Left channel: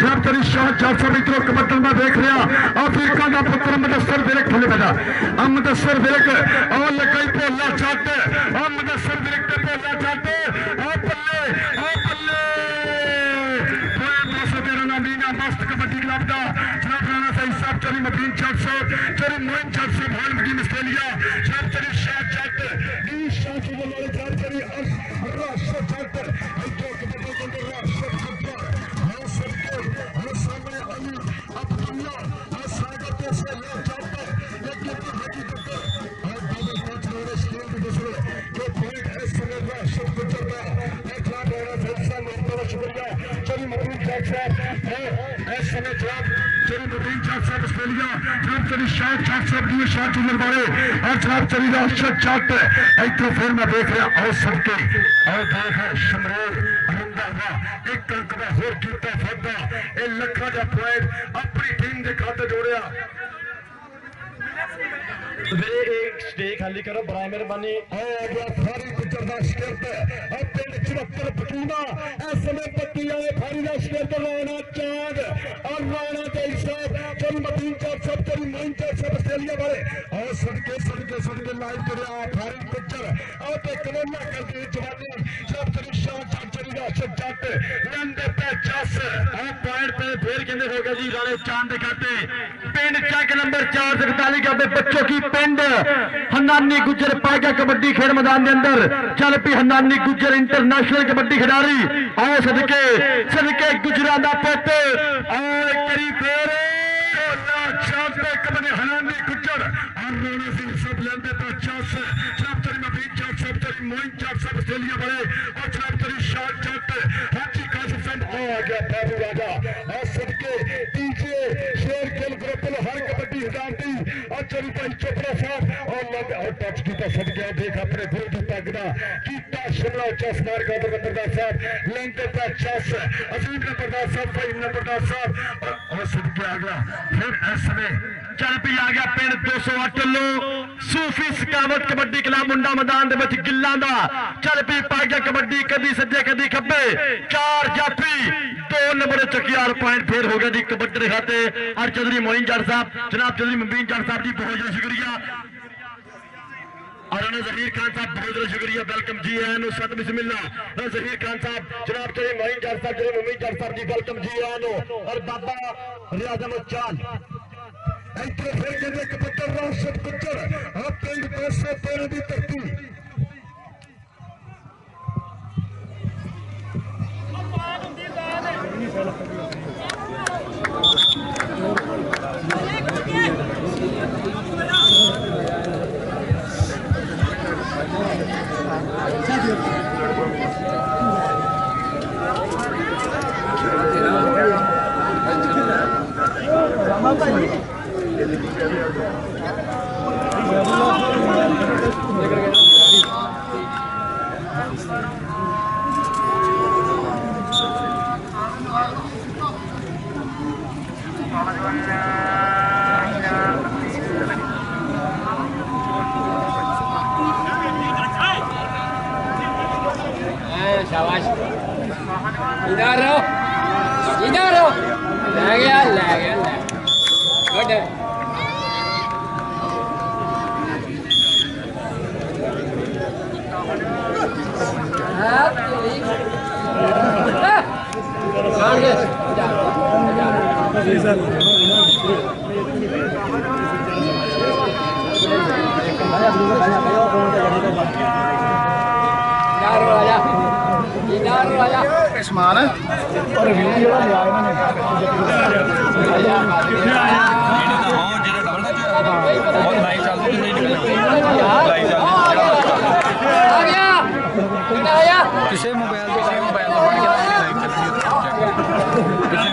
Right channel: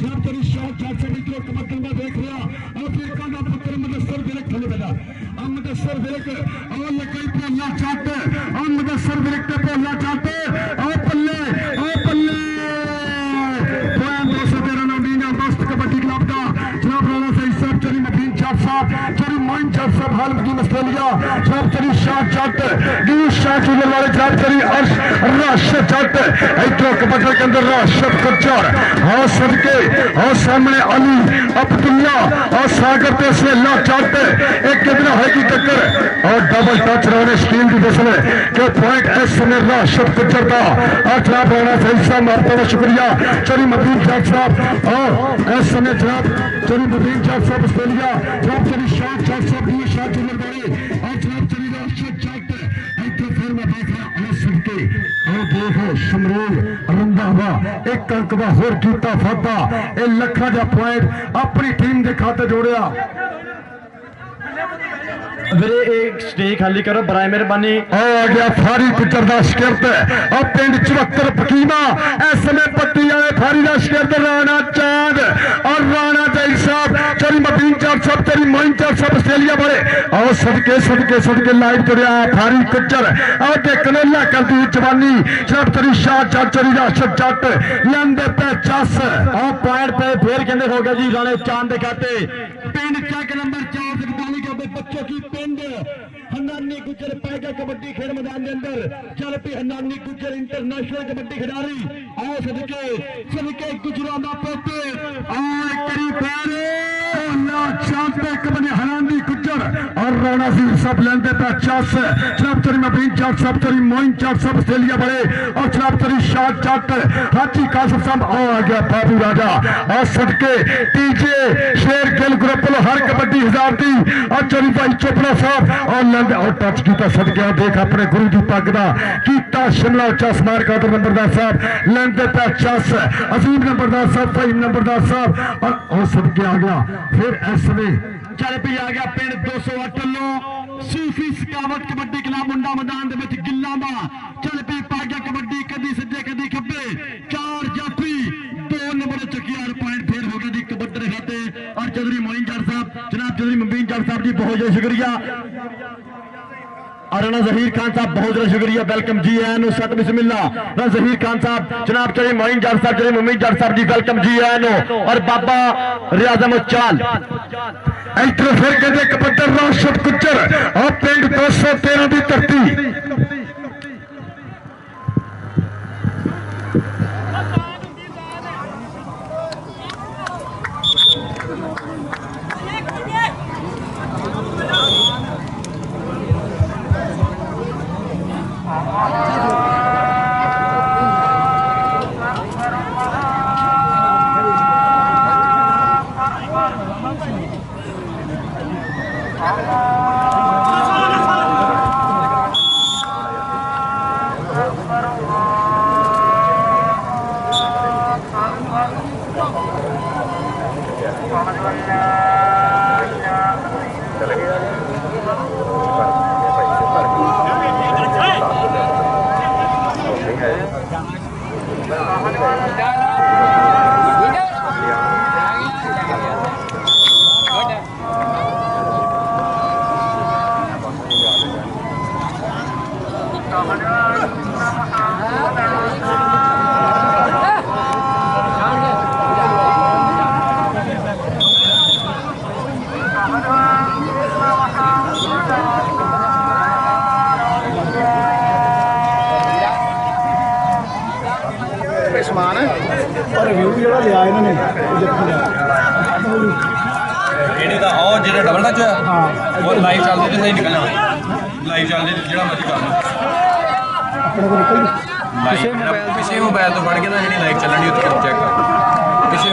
जनाब तेरी शाह 400 मीटर कबड्डी में देख रहा अफ्रीका का पुत्र मुदस्सर विरक थले बैठा मुदस्सर विरक और लकई भोला चट और मुदस्सर विरक ते भोला चट और पल्ले पॉइंट 213 नामीना मस्त कबड्डी क्लब का जनाब राणा सईद साहब चरी मबीन चट साहब चरी मोइन चट साहब हाल की ऑस्ट्रेलिया जनाब चरी शाह चट गिरीश शाह चूलर वाले जनाब चरी अर्श राशिद चट इधर कबड्डी के अंदर राशिद गुज्जर और सदके और सामने अली अब्दुल्ला और सागर ते सवेला चट एक कितना है की टक्कर और डबल टच रहने स्टील की फसल के पॉइंट एस समय राशिद गुज्जर का और जनाब राणा सईद साहब आपका शुक्रिया चरी मबीन चट साहब और इस समय जनाब चरी मबीन चट साहब ऑस्ट्रेलिया जनाब चरी शाह चट साहब गिरीश शाह चूलर वाले और जनाब चरी राशिद चट इधर फिर मैं देख रहा और सदके और देख शमरूल रंधावा एक अंक का होर कीता फादा ए लखा जा पॉइंट अपनी टीम के खाते जोड़िया मेरे एक स्टेज खाली करो बराए मेहरबानी आ गया फारी गुजर दा शिकरत अब पिंड 74 पकीमा इस समय पत्ती वाले फारी दा शिकरत राणा चांद और राणा जैद साहब चरी मबीन चार साहब चरी मोइन चार साहब ऑस्ट्रेलिया वाले और सदके लाइव तुरया फारी गुजर और कनोला कर दी जवानी जनाब चरी शाह चट चरी राशिद चट लेंदे पे चस और पॉइंट पे फिर कहते हो गया जी राणे चांद के खाते पिंड चक नंबर 441 के बच्चों की पिंड हन्नानी गुज्जर पागा कबड्डी खेल मैदान के अंदर चल पी हन्नानी गुज्जर इंटरनेशनल कबड्डी खिलाड़ी और सदके गुजरा दा पुत और करी फेर हनानी गुज्जर और राणा सिंह सब लेंदे पे चस जनाब चरी मबीन चट सब चरी मोइन चट सब ऑस्ट्रेलिया बड़े और जनाब चरी शाह चट हाजी कासिम साहब आ गया बाबू राजा और सदके टीजे शेर गिल ग्रुप हर कबड्डी हजार दी और चरी भाई चोपड़ा साहब और लेंदे और टच किया सदके देख अपने गुरु की पग का कीता शिमला चस मार कादर नंबरदार साहब लेंदे पे चस अजीम नंबरदार साहब भाई नंबरदार साहब और सदके आ गया फिर ऐसे चल पी आ गया पिंड 208 लो सूफी सकावत कबड्डी क्लब मुंडा मैदान गिल्लां दा चल पी पा गया कबड्डी कदी सज्जे कदी खब्बे 4 जाफी 2 नंबर चकियार पॉइंट फिर हो गया जी कबड्डी खाते और चौधरी मोइन जट साहब जनाब चौधरी मबीन जट साहब जी बहुत ज्यादा शुक्रिया और राणा जहीर खान साहब बहुत ज्यादा शुक्रिया वेलकम जी एन सत बिस्मिल्लाह राणा जहीर खान साहब जनाब चौधरी मोइन जट साहब चौधरी मबीन जट साहब जी वेलकम जी एन और बाबा रियाज अहमद चाल इधर फिर कहते कबड्डी राशिद गुज्जर और पिंड 213 की धरती समान और रिव्यू जो लिया इन्होंने डबल टच और लाइव चलती तो सही निकल लाइव चलती जो पिछले मोबाइल तो बढ़ गया जी लाइव चलनी चेक कर पिछले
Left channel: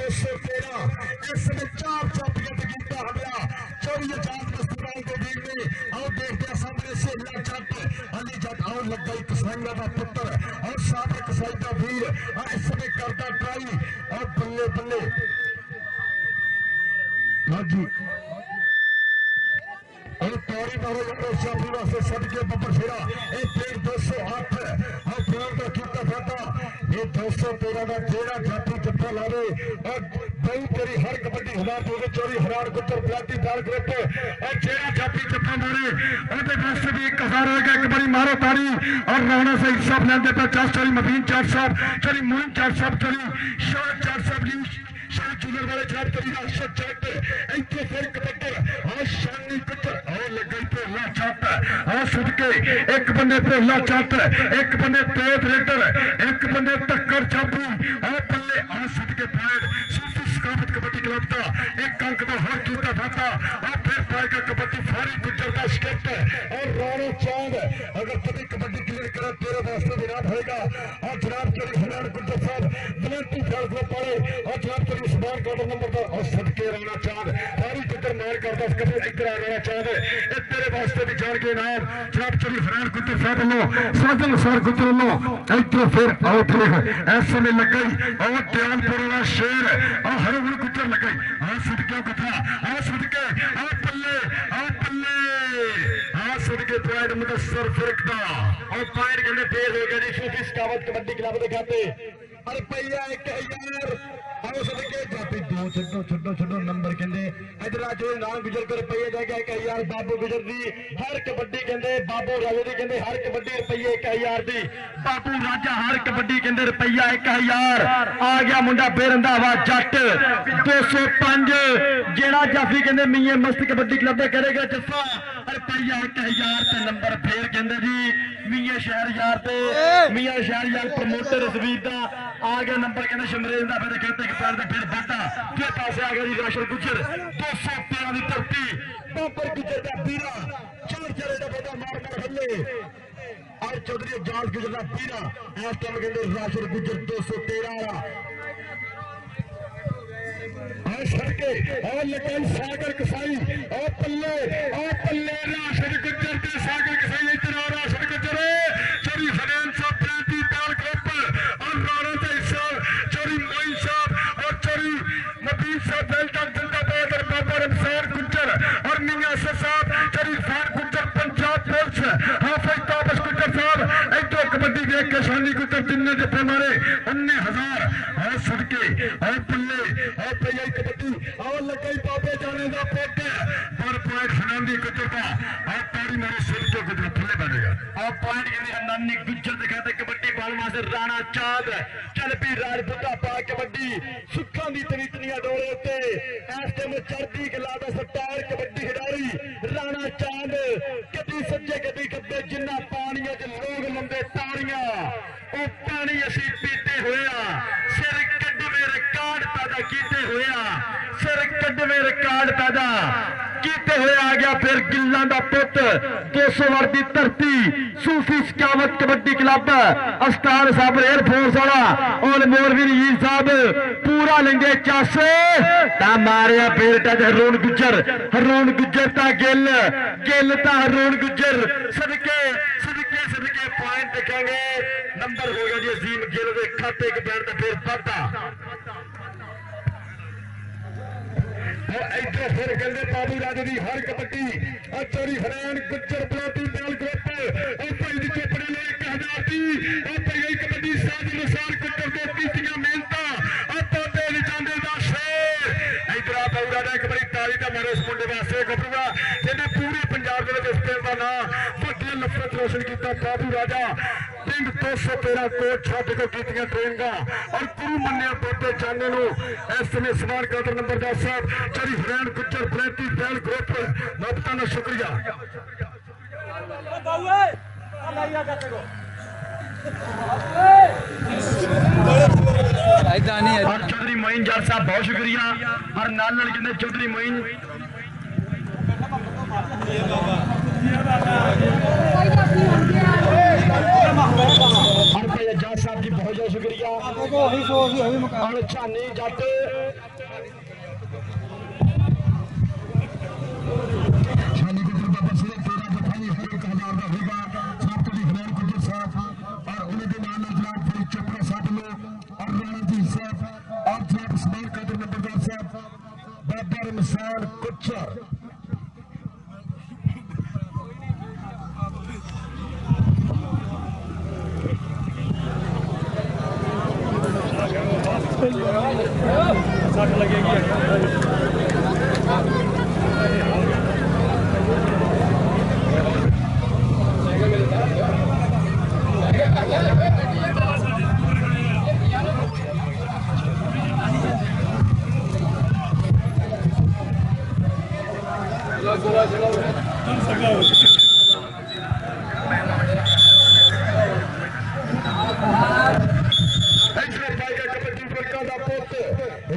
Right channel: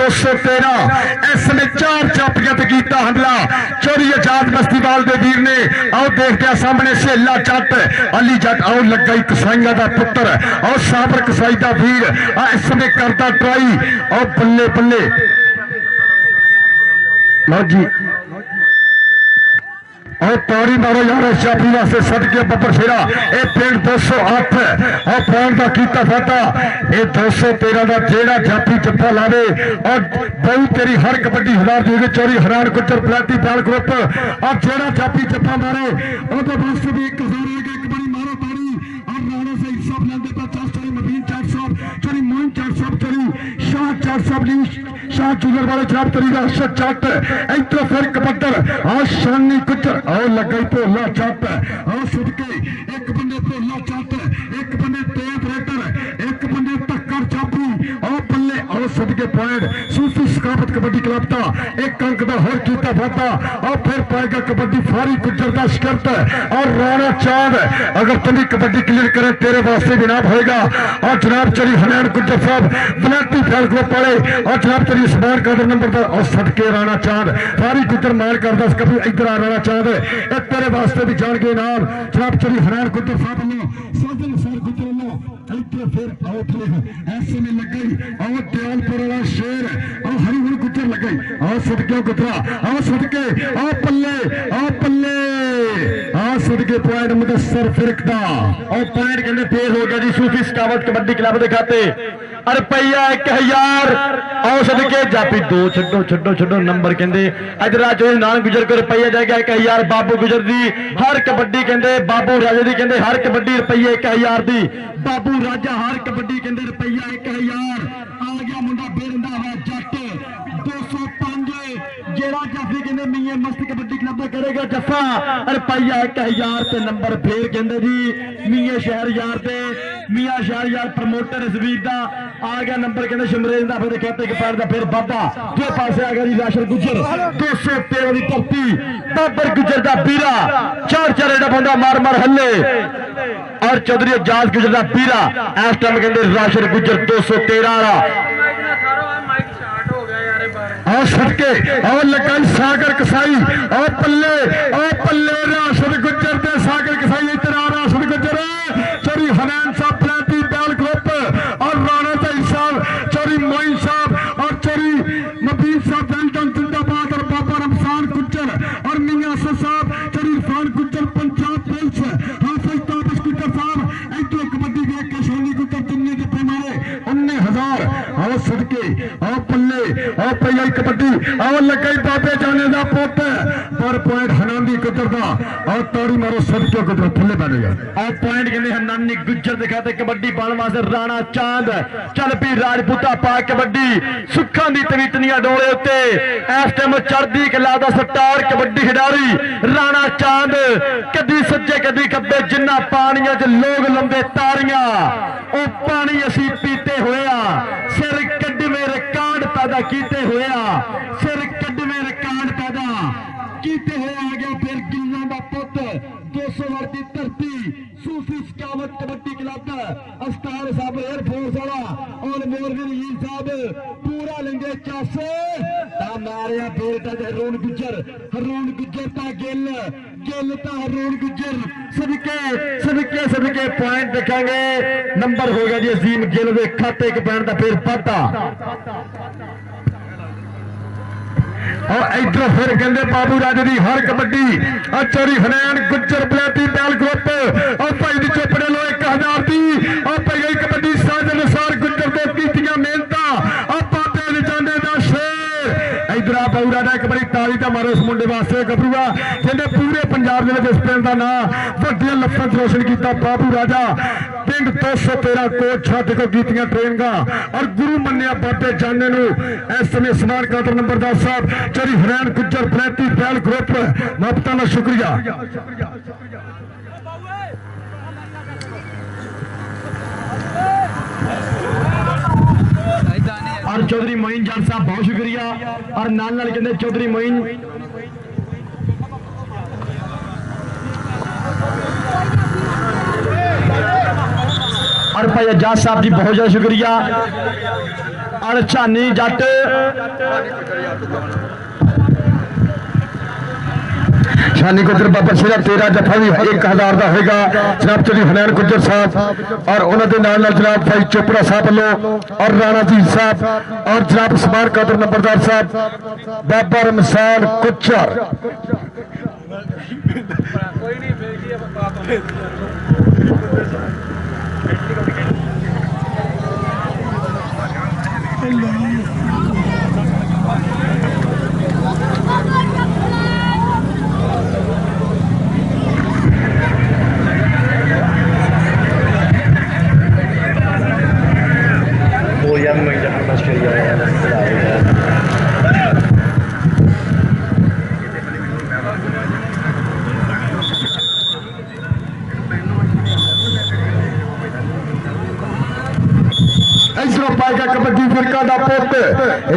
213 इसने 4 चापियां ते कीता हमला चोरी आजाद बस्तीवाल दे वीर ने आओ देखते हैं सामने सेला जट अली जट आओ लगा कसाईया का पुत्र और साबर कसाई का वीर इसने करता ट्राई और बल्ले बल्ले लो जी और ताड़ी मारो यार चापी वास्ते सदके बब्बर फेरा ये पिंड 208 और पॉइंट का कीता फाटा ये 213 का जेड़ा जापी जप्पा लावे और बहु तेरी हर कबड्डी 1000 दी चोरी हरान गुजर प्लाटी बैल ग्रुप और जेड़ा जापी जप्पा मारे और वास्ते भी 1000 होगा एक बारी मारो ताड़ी और राणा से सब लेंदे पे 4 चोरी मबीन 400 चोरी मोइन 400 चोरी शाह 400 शाह चूलर वाले जनाब तरी का अर्शद जट इधर फिर कबड्डर और शानी गुजर और लगा भोला जट और सुदके एक बंदे भोला जट एक बंदे तेज रेडर एक बंदे टक्कर चापू और बल्ले और सुदके पॉइंट सूफी सकाफत कबड्डी क्लब का एक अंक का हर कीता फाटा और फिर पाएगा कबड्डी फारी गुजर का शिकरत और राणा चांद अगर तुम्हें कबड्डी क्लियर करे तेरे वास्ते जनाब होएगा और जनाब चरी हनैन गुजर साहब बलाटी फैल ग्रुप वाले और जनाब चरी स्मार्ट कादर नंबर पर और सदके राणा चांद फारी गुजर मान करदा कभी इधर आ राणा चांद तेरे वास्ते भी जान के नाम जनाब चरी हनैन गुजर साहब लो साजन सर गुजर लो इधर फिर आउट ऐसे में लग गई और दयालपुर वाला शेर और हरिगुण गुजर लग गई और सदके गुजरा और सदके और पल्ले सदके पॉइंट मुदस्सर फिरक दा और पॉइंट कहने फेल हो गया जी सूफी सकावत कबड्डी क्लब के खाते रुपया 1000 और सदके जापी 2 छो नंबर कहते इधर आज नान गुजर को रुपया जाएगा 1000 बाबू गुजर दी हर कबड्डी कहते बाबू राजे दी कहते हर कबड्डी रुपये 1000 दी बाबू राजा हर कबड्डी कहते रुपया 1000 आ गया मुंडा बेरंधावा जट 205 जेड़ा जाफी कहते मीए मस्त कबड्डी क्लब करेगा जफा रुपया 1000 ते नंबर फेर कहते जी मीए शहर यार ते मियां शहर यार प्रमोटर रसवीर दा आ गया नंबर कहते शमरेज का फिर कहते कि पैर का फिर वाधा दो पासे आ गया जी राशन गुजर 213 की धरती बाबर गुजर का बीरा 4 एडा बंदा मार हल्ले और चौधरी एजाज गुजर का बीरा इस टाइम कहते राशन गुजर 213 और सटके और लगाई सागर कसाई और पल्ले राशन गुजर के सागर कसाई इधर आ राशन गुजर चोरी हनैन साहब प्लाटी बैल ग्रुप और राणा साहब चोरी मोइन साहब और चोरी नबीर साहब वेल्टन जिंदाबाद और बाबा रमजान गुजर और मियां साहब चोरी इरफान गुजर पंजाब पुलिस हाफिज ताबश गुजर साहब इधर कबड्डी देख के शानी गुजर जिन्ने जफे मारे 19,000 और सदके और पल्ले और पई कबड्डी और लगे बाबे जाने का पुत पर पॉइंट हनानी गुजर का और तौड़ी मारो सदके गुजर थले बैठेगा और पॉइंट कहते हनानी गुजर दिखाते कबड्डी पाने वास्ते राणा चांद चल पी राजपूता पा कबड्डी सुखा दी तवीतनिया डोले उत्ते इस टाइम चढ़दी कला दा स्टार कबड्डी खिडारी राणा चांद कदी सज्जे कदी खब्बे जिन्ना पानियां च लोग लंबे तारियां ओ पानी असी पीते होया सिर कड्डवे रिकार्ड पैदा कीते होया सिर कड्डवे रिकार्ड पैदा कीते हुए आ गया फिर गिल्लां दा पुत 200 वर्ष की धरती सूफी सकावत कबड्डी क्लब अस्तान साहब एयरफोर्स वाला और मोरवी नीर साहब पूरा लेंगे चस मारिया फिर हरून गुजर ता गिल ता हरून गुजर सदके पॉइंट देखेंगे नंबर हो गया जी अजीम गिल के खाते के पैन का फिर वाधा और इधर फिर कहते बाबू राजे की हर कबड्डी और चोरी हनैन गुजर बलाटी बैल ग्रुप और भाई दी चोपड़े लो 1000 की और भाई गई कबड्डी साजन सार गुजर को कीतियां मेहनत और बाबे जाने का शेर इधर आ बाबू राजा एक बारी ताली का मारो इस मुंडे वास्ते गबरूआ जिन्हें पूरे पंजाब के इस पिंड का नाम वड्डियां लफ्जां रोशन किया बाबू राजा पिंड 213 कोच छाते को कीतियां ट्रेनिंगां और गुरु मन्निया बाबे जाने इस समय समान कादर नंबरदार साहब चोरी हरैन गुजर प्लेटी बैल ग्रुप मापता का शुक्रिया और चौधरी मोइन जट साहब बहुत शुक्रिया और नाल कहते चौधरी मोइन हर भाई एजाज साहब जी बहुत ज्यादा शुक्रिया। अणछानी जट शानी गुजर बाबा शेरा 13 जफा भी 1000 का होगा जनाब चौधरी हनैन गुजर साहब और उन्होंने नाल जनाब भाई चोपड़ा साहब वालों और राणा जी साहब और जनाब उस्मान कादर नंबरदार साहब बाबा रमसान कुचर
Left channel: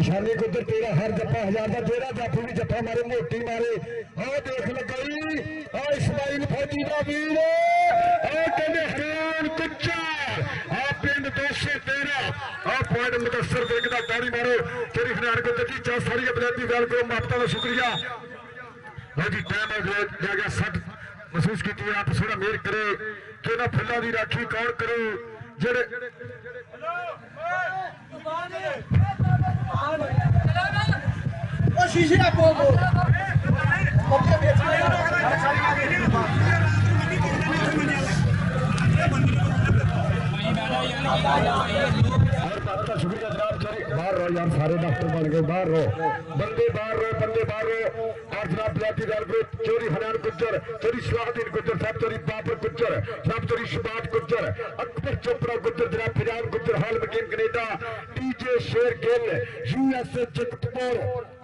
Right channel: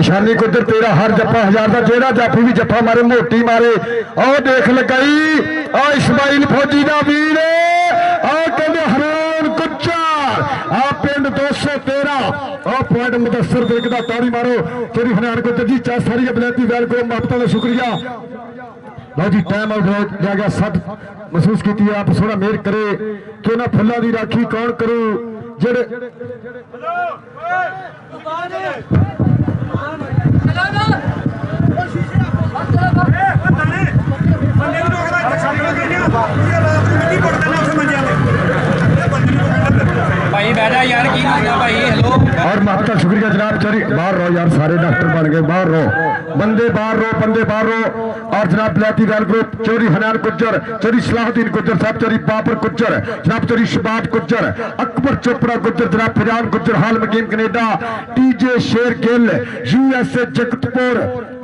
शानी गुजर 13 हर जफा 1000 का जेड़ा जाफी भी जफा मारे मोटी मारे और देख लगाई और इस्माइल फौजी का वीर हरैन गुजर आ पिंड 213 और पॉइंट मुदस्सर देखदा ताड़ी मारो तेरी हरैन गुजर जी चा सारी बलैती वैल को मापता का शुक्रिया। लो जी टाइम आउट जा गया 60 महसूस की आप थोड़ा मेहर करे कि ना फुल्लां दी राखी कौन करू जेड़े भाई बैठा यार की करदा भाई हेलो और माता शुक्रिया जनाब चौधरी बाहर रहो यार सारे डॉक्टर बन गए बाहर रहो बंदे बाहर रहो और जनाब बलैती वैल ग्रुप चौधरी हनैन गुजर चौधरी सलाहुद्दीन गुजर साहब चौधरी बाबर गुजर जनाब चौधरी शबाब गुजर अकबर चोपड़ा गुजर जनाब फिजान गुजर हाल मकीम कनेडा टीजे शेर गिल यूएसए जगतपुर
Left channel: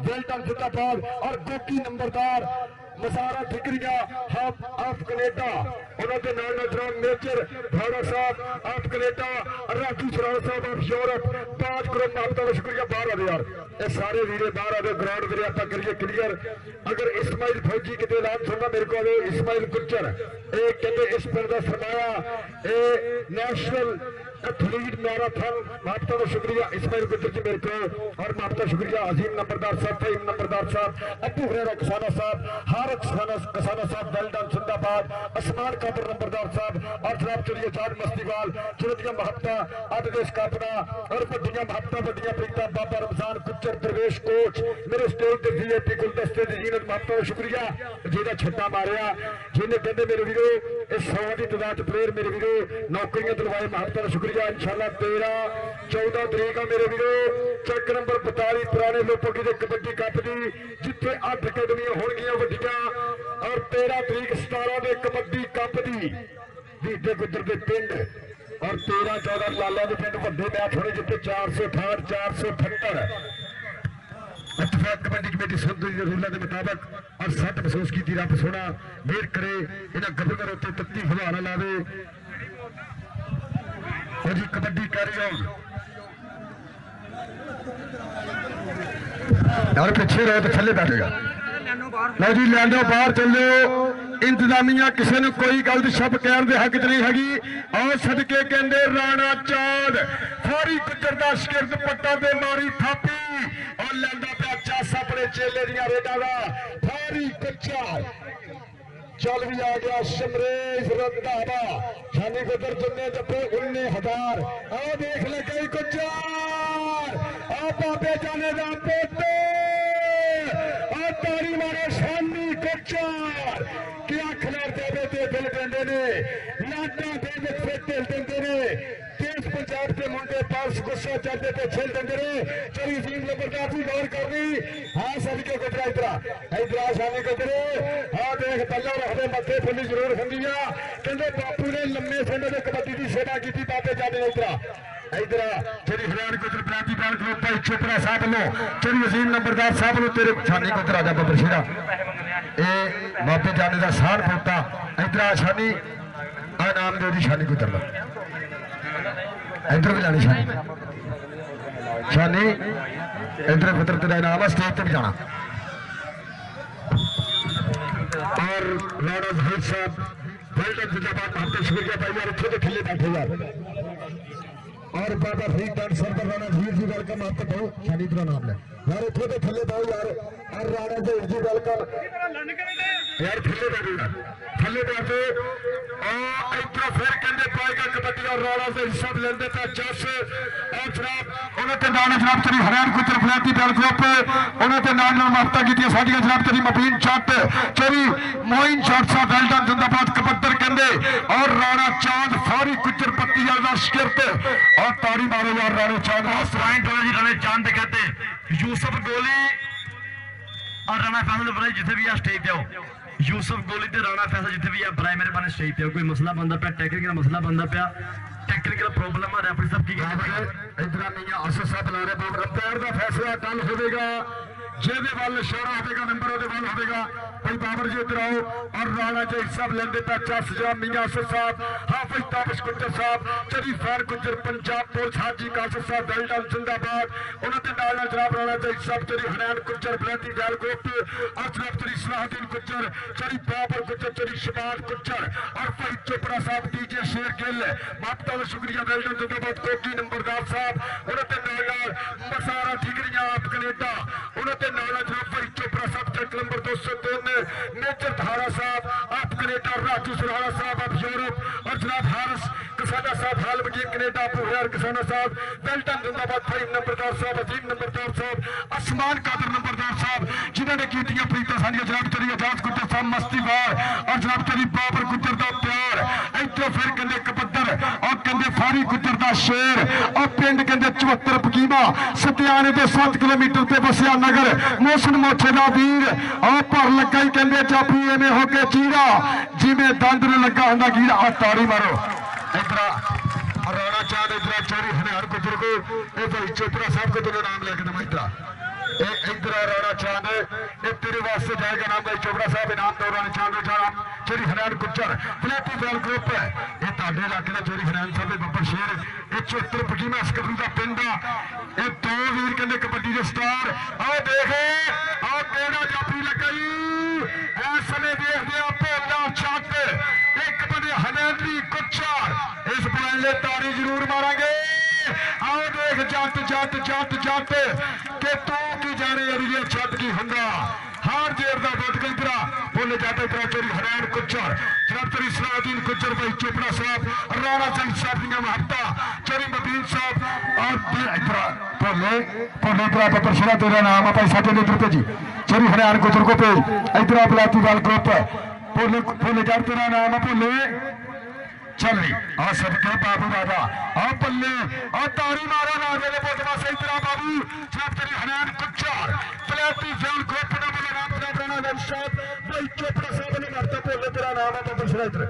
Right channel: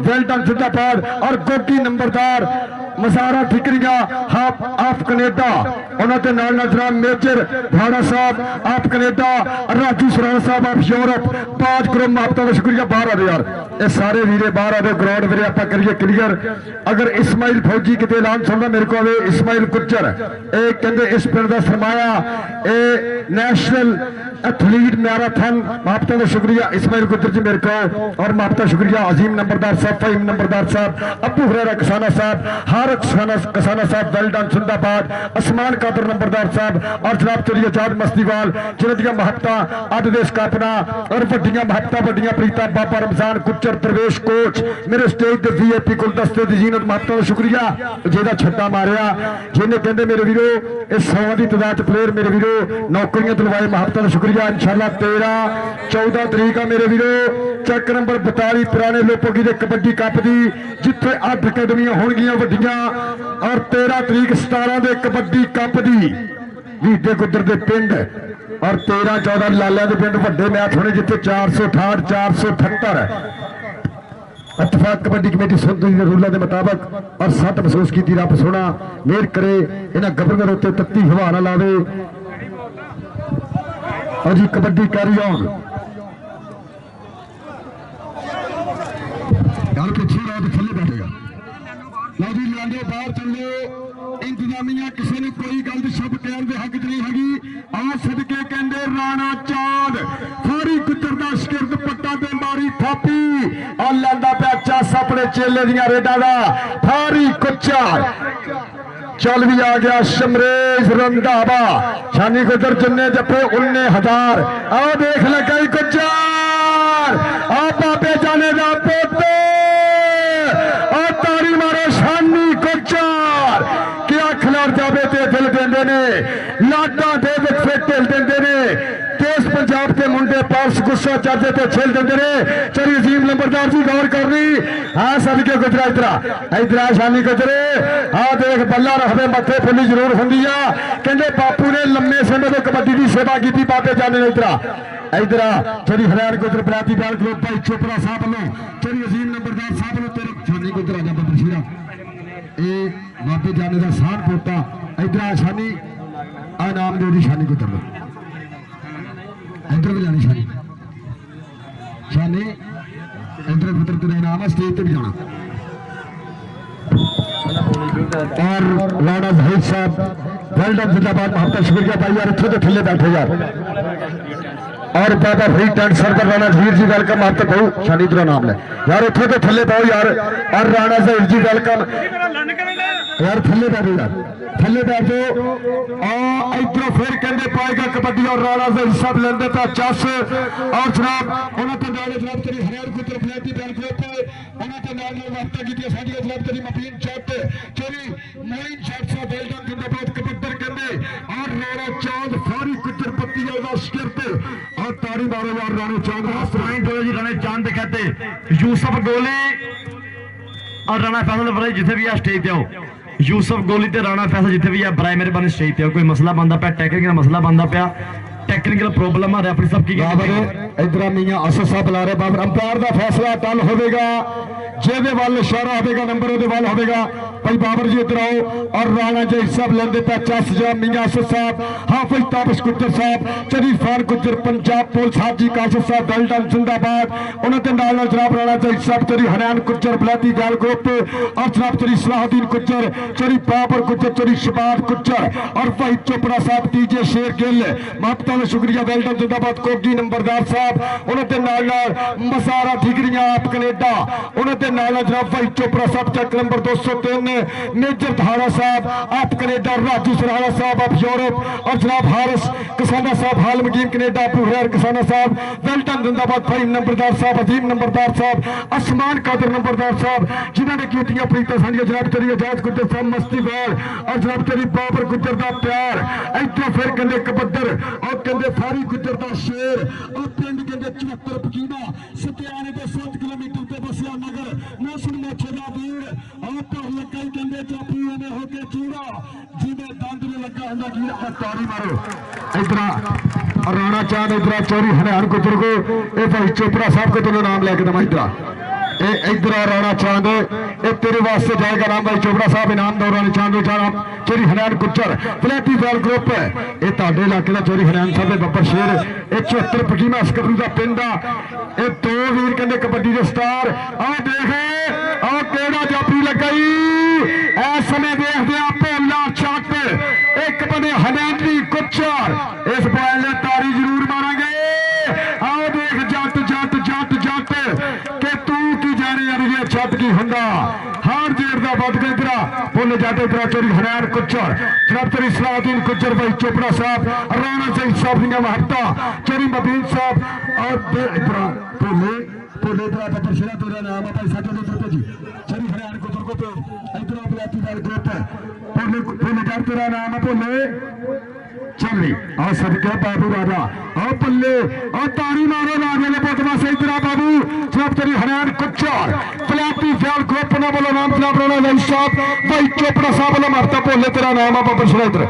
वेल्डन जिंदाबाद और गोगी नंबरदार मजारा ठिकरिया हाफ आप कनेडा उन्होंने नाल जनाब मेजर भाड़ा साहब आप कनेडा राजू सराना साहब आप यूरोप 5 करोड़ मापता का शुक्रिया बाहर आ यार ये सारे वीरे बाहर आ ग्राउंड वीरे आप करिए क्लियर। अगर इस्माइल फौजी कितने ऐलान सुनना मेरे को इस्माइल गुजर ये कहते इस पिंड का सरमाया ये नैशनल एथलीट मैराथन मापता का शुक्रिया इस्माइल गुजर जी मेरे को और मापता शुक्रिया अजीम नंबरदार साहब फहीम नंबरदार साहब अबू हुरैरा कसाना साहब हारक कसाना साहब वेल्डन जिंदाबाद असमान कादर नंबरदार साहब और जनाब चौधरी आजाद मस्तीवाल जिन्होंने महत्ता अज देश का अपना और वड्डियां महत्ता वड्डियां प्रीता बाबा रमजान गुजर प्रवेश कोच मेरे स्टेज के VIP गुलदस्ते की जीनत महत्ता का शुक्रिया जेदा छट्टा मारिया जिन्हें कहते मेरे वीरो इस 100 की तादाद प्लेयर मेरे वीरो नौकरियां दिलवाए महत्ता का शुक्रिया। इंशाल्लाह 13-14 तरीक आ मेरे वीरो चक नंबर 42 पुराने लोपोगी के कबड्डी कप की जिथे 8 अकैडमियां होणगियां वड्डियां और 13 तरीक 17 के कबड्डी कप की वीडे गुजर के पिंड और 13-14 लालिया के पिंड वड्डे मैच होने जिथे 468 478 इतफाक कबड्डी कमेटी संतुलित रूलों के मुताबिक और 7 महसूस की रब सोना मेहर करे इन्होंने गवर्नर उत्ते तत्ती हवा ना लावे और जी कबड्डी कैरी ऑन यार पीछे रहो तो थले बैठेगा लो जी लैंडो बाहर चलो इंतजामिया किसी ने कोई गल शब्द कहने के हक च नहीं हैगी और सदके कहते राणा चांद फारी गुजर का शिकरत पट्टा ते मारी थापी और लैंदा पिया चस अपने चेले दियां रेडा का फारी गुजर चल भी आ गया शमरेज रंधावा शानी गुजर जिन्ने जपे 19,000 आओ देख लगा गुजर आ बाबे जाने का पोते और तारी मारो शानी गुजर क्या खिलाड़ जावे ते दिल देंदे ने लाडा दे फिर दिल देंदे ने देश पंजाब के मुंडे पास गुस्सा चढ़ते थे छिल देंदे ने चली अजीम नंबरदार जी गौर करनी हाँ सदके गुजरा इधर शानी गुजरे हाँ देख बल्ला रखते मथे फुली जरूर होंगी कहते बापू ने लम्बे समय में कबड्डी की सेवा की बाबे जाने इधर चली हरैन गुजर बराती बैल ग्रुप भाई चोपड़ा साहब वालों चली अजीम नंबरदार साहब वालों तेरे शानी गुजर आजा बाबर शेरा ये बाबे जाने का सार पोता इधर शानी आ नाम दे शानी गुजर का इधर भी जानी शानी इधर पुत्र तेरा इनाम है स्टेज पे भी जाना और लौड़ा भाई साहब वेल डन जिंदाबाद महत्ता शुक्रिया भाई यार इतने तो थले बैठे यार और बाबा फरीद टेंट सरदार राणा जहीर जी वेलकम आप तक बहु शानी इधर नाम ले यार उठो तो थले पाओ यार और राणा जहीर जी वेलकम यार थले बैठो यार थले बैठो इधरों फिर कहते पाएगा कबड्डी और राणा जहीर साहब लेंदे पे चस और जनाब उन्होंने नाल जनाब तेरी हरियाणा गुजर फलैती बैल ग्रुप उन्होंने नाल वार्ता की साडियां जनाब तेरी मबीन चट तेरी मोइन चट साहब वेल्डन जिंदाबाद कबड्डर कहते और राणा चांद फारी गुजर पत्ती वाला शिरत और ताड़ी मारो यार राणे चांद पॉइंट हो जी राणे चांद कहते यूसुफ गोली और राणा फैसल बड़े जिथे भी आ स्टेज पे आओ यूसुफ गोली ते राणा फैसल जिथे भी आ बराए मेरे बने स्टेज पे कोई मसला बनता पाया टेक्निकल मसला बनता पाया टेक्निकल प्रॉब्लम आ रेफरी साहब की इधर मियां असद साहब बुला रहे बाबर अंपायर का फैसला टल होगा जेदे वाल इशारा होगा नंबर ਉਹਦੇ ਵੱਲ होगा भाई बाबर जी इधर आओ और राणा जहीर साहब लेंदे पे चस जा मियां असद साहब हाफिज ताबिश गुज्जर साहब शरीफ खान गुज्जर पंजाब पुलिस हाजी कासिफ साहब वेल्डन जिंदाबाद उन्होंने नाल जनाब राणा जहीर साहब तेरी हरियाणा गुज्जर बलैती गैल ग्रुप और जनाब तेरी सलाहुद्दीन गुज्जर तेरी बाबर गुज्जर तेरी शबाद गुज्जर और भाई चोपड़ा साहब टीजे शेर गिल महबता का शुक्रिया वेल्डन जिंदाबाद कोगी नंबरदार साहब उन्होंने नाल मसारा ठिकरियां आप कनेडा उन्होंने नाल जनाब भाई चोपड़ा साहब चेक नंबर 203 मेजर धारा साहब आप कनेडा राजू सराहा साहब आप यूरोप और जनाब हारिस किसाना साहब हाल मकीम कनेडा अबू हुरैर किसाना साहब वेल्टन जिंदाबाद भाई नंबरदार साहब अजीम नंबरदार साहब आसमान कादर नंबरदार साहब जिन्होंने कीतियां प्रीतां सानियां जनाब तेरी आजाद गुज्जर साहब मस्तीवार और जनाब तेरी बाबर गुज्जर का प्यार इधरों फिर कहते कबड्डर और कहते फारी गुज्जर का शेर और पिंड कहते 74 पकीमा सत्याने के 7 किलोमीटर से बसिया नगर मोशन मोछे का वीर और भर लगा ही कहते चापी एवं होके चीरा जिमें दंद न लगा होंगे कीड़ा और ताड़ी मारो इधर राणा चांद इधर चोरी हरियाणा गुजर को ये भाई चोपड़ा साहब को तुमने नाम लेके दमा इधर इधर राणा चांद ये तेरे वास्ते जाएगा राम भाई चोपड़ा साहब इनाम दो राणा चांद चोरी हरियाणा गुजर फलैती बैल ग्रुप ये ताडे इलाके का चोरी हरियाणा साहब बब्बर शेर ये 74 पकीमा सकबरू का पिंड आ ये 2 वीर कहते कबड्डी के स्टार आओ देखे आओ केड़ा जाफी लगाई इस समय देखते भोला चट एक बने हरियाणवी गुज्जर इस बॉल ने तारी जरूर मारांगे आओ देख जट जट जट जट के तू की जाने अड़िए छत की हुंदा हार जेर का बद गई इधर बोले जाते इधर चोरी हरियाणा गुज्जर जनाब तेरी सलाहुद्दीन गुज्जर भाई चोपड़ा साहब राणा जहीर साहब दियां महबता चोरी मबीन साहब और इधर भोले भोले इधर बब्बर शेरा तेरा नाम है भाई साथी इधर भेजी चोरी हरियाणा गुज्जर को भेज इधर बलाती वाल ग्रुप भोले भोले जाट तेरा नाम है भोले चल रही और सबके बाबू राजा और पल्ले और तारी मारो राजे ने पोतमा से इधर बाबू जनाब तेरी हरियाणा गुज्जर फलैती फैल ग्रुप ने बोलो नाम जनाब राणा जहीर साहब भाई चोपड़ा साहब बोलो मारता भोले तेरा नाम है बब्बर शेरा इधर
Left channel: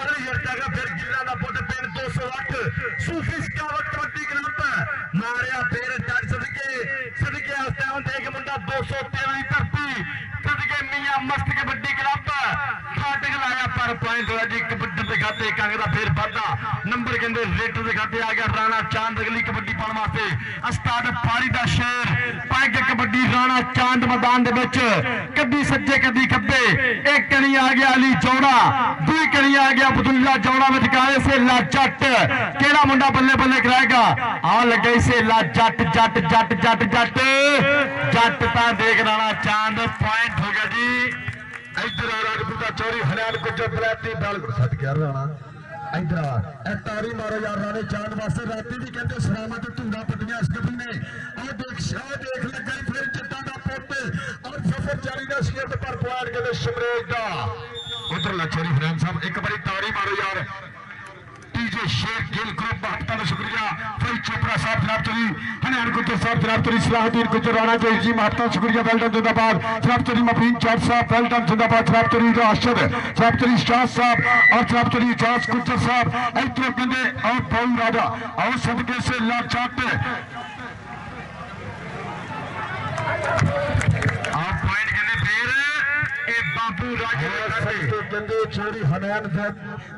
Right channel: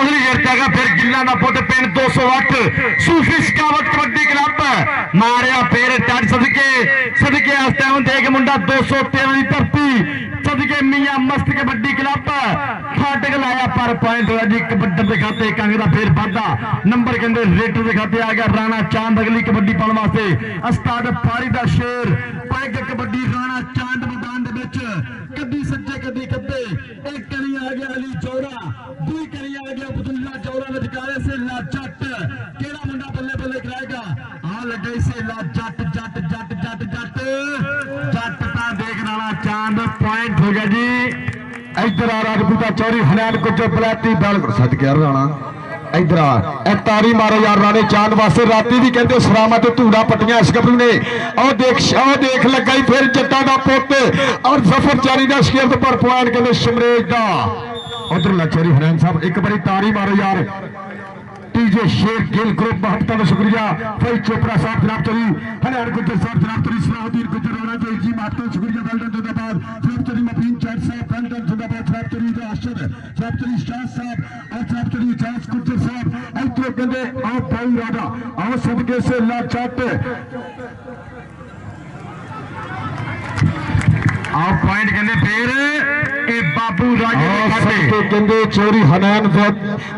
अगली गिरता फिर गिल्ला का पुट पिंड 208 सूफी स्कावट कबड्डी क्लब मारिया फिर टच सदके सदके टाइम देख मुंडा 213 की धरती सदके मियां मस्त कबड्डी क्लब फाटक लाया पर पॉइंट होया जी कबड्डर के खाते कंग का फिर वाधा नंबर कहते रेटर के खाते आ गया राणा चांद अगली कबड्डी पाने वास्ते उस्ताद फारी का शेर पैग कबड्डी राणा चांद मैदान कदी सज्जे कदी खब्बे एक कणी आ गया अली चौड़ा दुई कणी आ गया अब्दुल्ला चौड़ा विचकारे से ला जट केड़ा मुंडा बल्ले बल्ले कराएगा आ लगे से ला जट जट जट जट जट जट ता देख राणा चांद पॉइंट हो गया जी इधर आ राजपूता चौरी हरियाणा गुज्जर बलैती बैल सद गया राणा इधर आ तारी मारो यार राणे चांद वास्ते राती भी कहते सरामा ते धूड़ा पट्टियां इस गबरू ने और देख लगाई फिर जट्टा दा पुत और जफर चारी दा शिरत पर पॉइंट कहते शमरेज दा उधर लचरी हरियाणा साहब एक बारी तारी मारो यार टीजे शेर गिल ग्रुप महबता का शुक्रिया भाई चोपड़ा साहब जनाब चोरी हरियाणा गुज्जर साहब जनाब चोरी सलाहुद्दीन गुज्जर राणा जहीर जी महबता का शुक्रिया वेल्डन जिंदाबाद जनाब चोरी मबीन चट साहब वेल्डन जिंदाबाद जनाब चोरी राशद जनाब चोरी शाह साहब और जनाब चोरी इजाज गुज्जर साहब इधरों कहते आओ पाऊ राजा आओ सदके से ला चट आओ पॉइंट कहते फिर बाबू कहते चोरी हरियाणा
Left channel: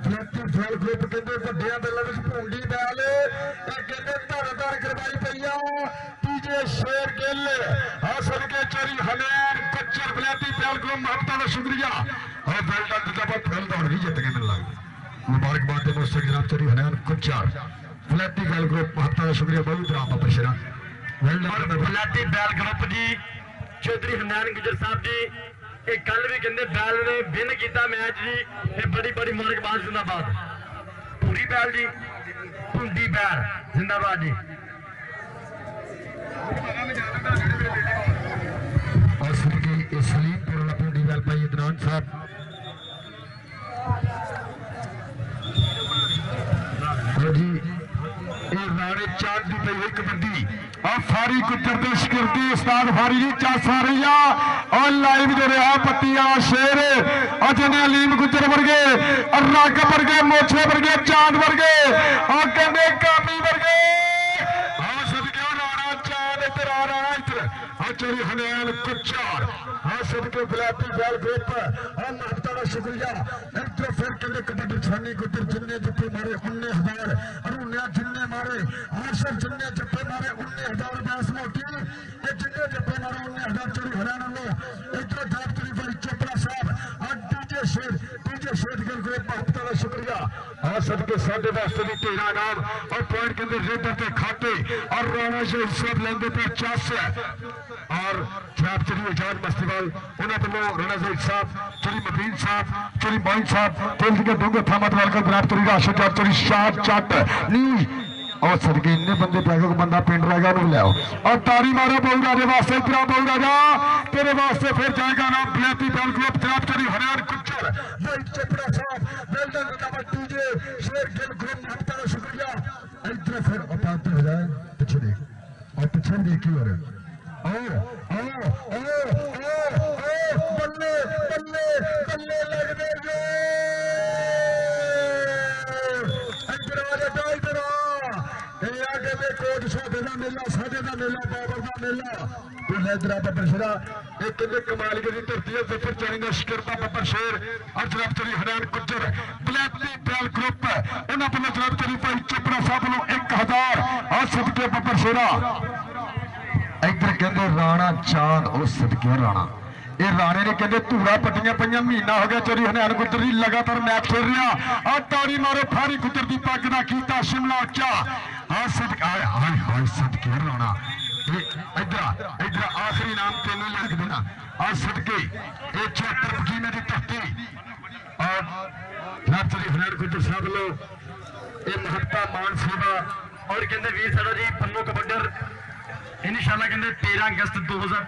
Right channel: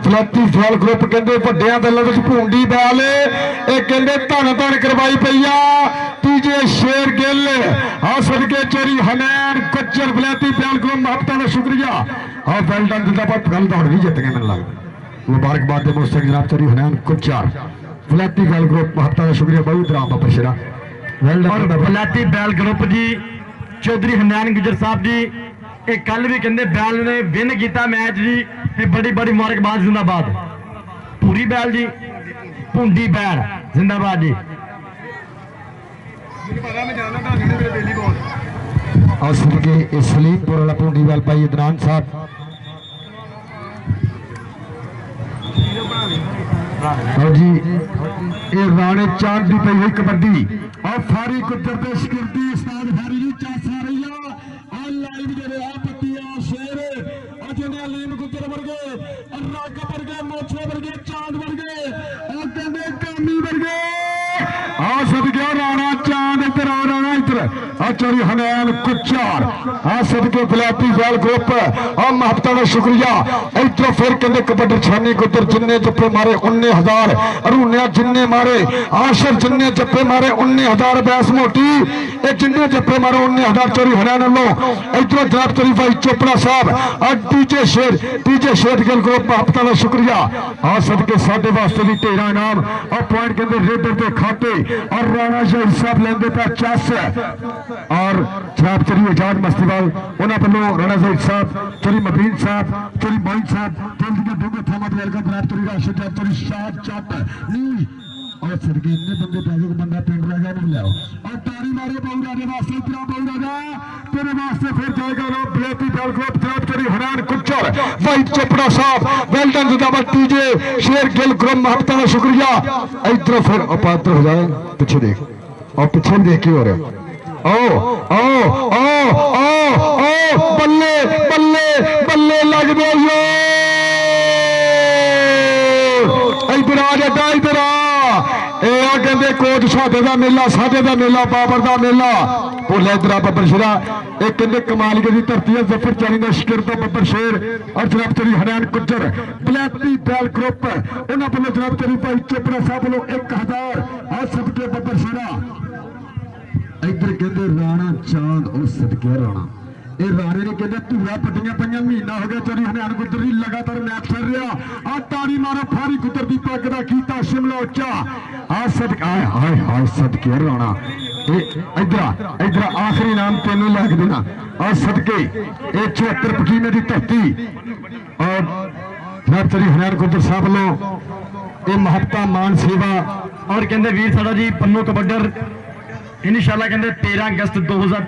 फलैती फैल ग्रुप कहते वड्डियां दलों में भूंडी बैल ये कहते धन धन करवाई पई आ तीजे शेर गिल आ सदके चोरी हरियाणा गुज्जर फलैती फैल ग्रुप महबता का शुक्रिया और वेल्डन जिंदाबाद गल दौड़ भी जित गए मैंने लगता मुबारकबाद दे मोस्टर जनाब चौधरी हनैन कुचार वलैती बैल ग्रुप महत्ता का शुक्रिया बहुत राम बाबर शेरा और वलैती बैल ग्रुप जी चौधरी हनैन गुजर साहब जी ये कल भी कहते बैल ने विन किया मैच जी ये बड़ी बड़ी मुबारकबाद जिंदाबाद पूरी बैल जी भुंडी बैल जिंदाबाद जी और सदके सलीमपुर वाला भुंडी बैल भाई अदनान साहब और जी ये राणे चांद की पई हुई कबड्डी और फारी गुजर दे सिक्योरिटी उस्ताद फारी जी चास आ रही है और लाइव जो रहा पत्ती वाला शेर और जिन्हें अलीम गुजर वर्गे और रग वर्गे मोछे वर्गे चांद वर्गे और कहते कामी वर्गे आ सदके राणा चांद इधर आ राणा इधर और चौधरी हनैन कुचार आ सदके वलैती बैल ग्रुप और महत्ता का शुक्रिया इधर फिर कहते कबड्डी छानी गुजर जिन्ने जप्पे मारे 19,000 अरुणिया जिन्ने मारे आशिर जिन्ने जप्पे मारे 19,000 बैस मोटी ये जिन्ने जप्पे मारे 19,000 चौधरी हनैन वालों इधर जनाब चौधरी भाई चोपड़ा साहब और डीजे शेर गिल ग्रुप महत्ता का शुक्रिया आ सदके साडे वास्ते भी 13 इनाम और पॉइंट कहते रेडर के खाते और राणा शहीद साहब लेंदे पे 50 और जनाब चौधरी आजाद मस्तीवाल उन्होंने वालों राणा शहीद साहब चौधरी मबीन साहब चौधरी मोइन साहब तेल के दूंगे थामत वाल जनाब चौधरी राशिद चौधरी शाह चट नी और सदके इन्ने बंदे पैगो बंदा पिंड रहेगा उन्होंने लियाओ और तारी मारो बहु राजे वास्ते इतना बहु राजा तेरे वास्ते फिर जाएगा ना वलैती बैल ग्रुप जनाब चौधरी हनैन कुचर भाई चोपड़ा साहब वेल्डन जिंदाबाद टीजे शेर गिल ग्रुप महत्ता का शुक्रिया इधर फिर अपात्र हो जाए पीछे देख और पीछे देख के हो रहे ओ ओ ओ ओ ओ बल्ले बल्ले बल्ले लग दे इधर आ जाता इधर आ कहते कोच साडे दा मेला साडे दा मेला बाबर दा मेला भोले इधर बब्बर शेरा एक कहते कमालिया की धरती है जफर चानी का शिकर का बब्बर शेर और जनाब चौधरी हनैन गुजर वलैती बैल ग्रुप उन्होंने वालों जनाब चौधरी भाई चोपड़ा साहब वालों 1,000 और सदके बब्बर शेरा इधर कहते राणा चांद और सदके राणा ये राणे ने कहते धूरा पट्टियां पईयां महीना हो गया चौधरी हनैन गुजर की लगातार मैच खेल रहा आ ताड़ी मारो फारी गुजर की पग का कीता शिमला उच्चा आ सदके आए हाय हाय सदके राणा इधर इधर आखिरी नाम तेन लैक देना आ सदके ये 74 पकीने की धरती और जनाब चौधरी हनैन गुजर साहब वालों ये महत्ता मान सेवा और कहते वीर साड़ा जी पन्नू कबड्डर इंशाल्लाह कहते 13 अगस्त 2000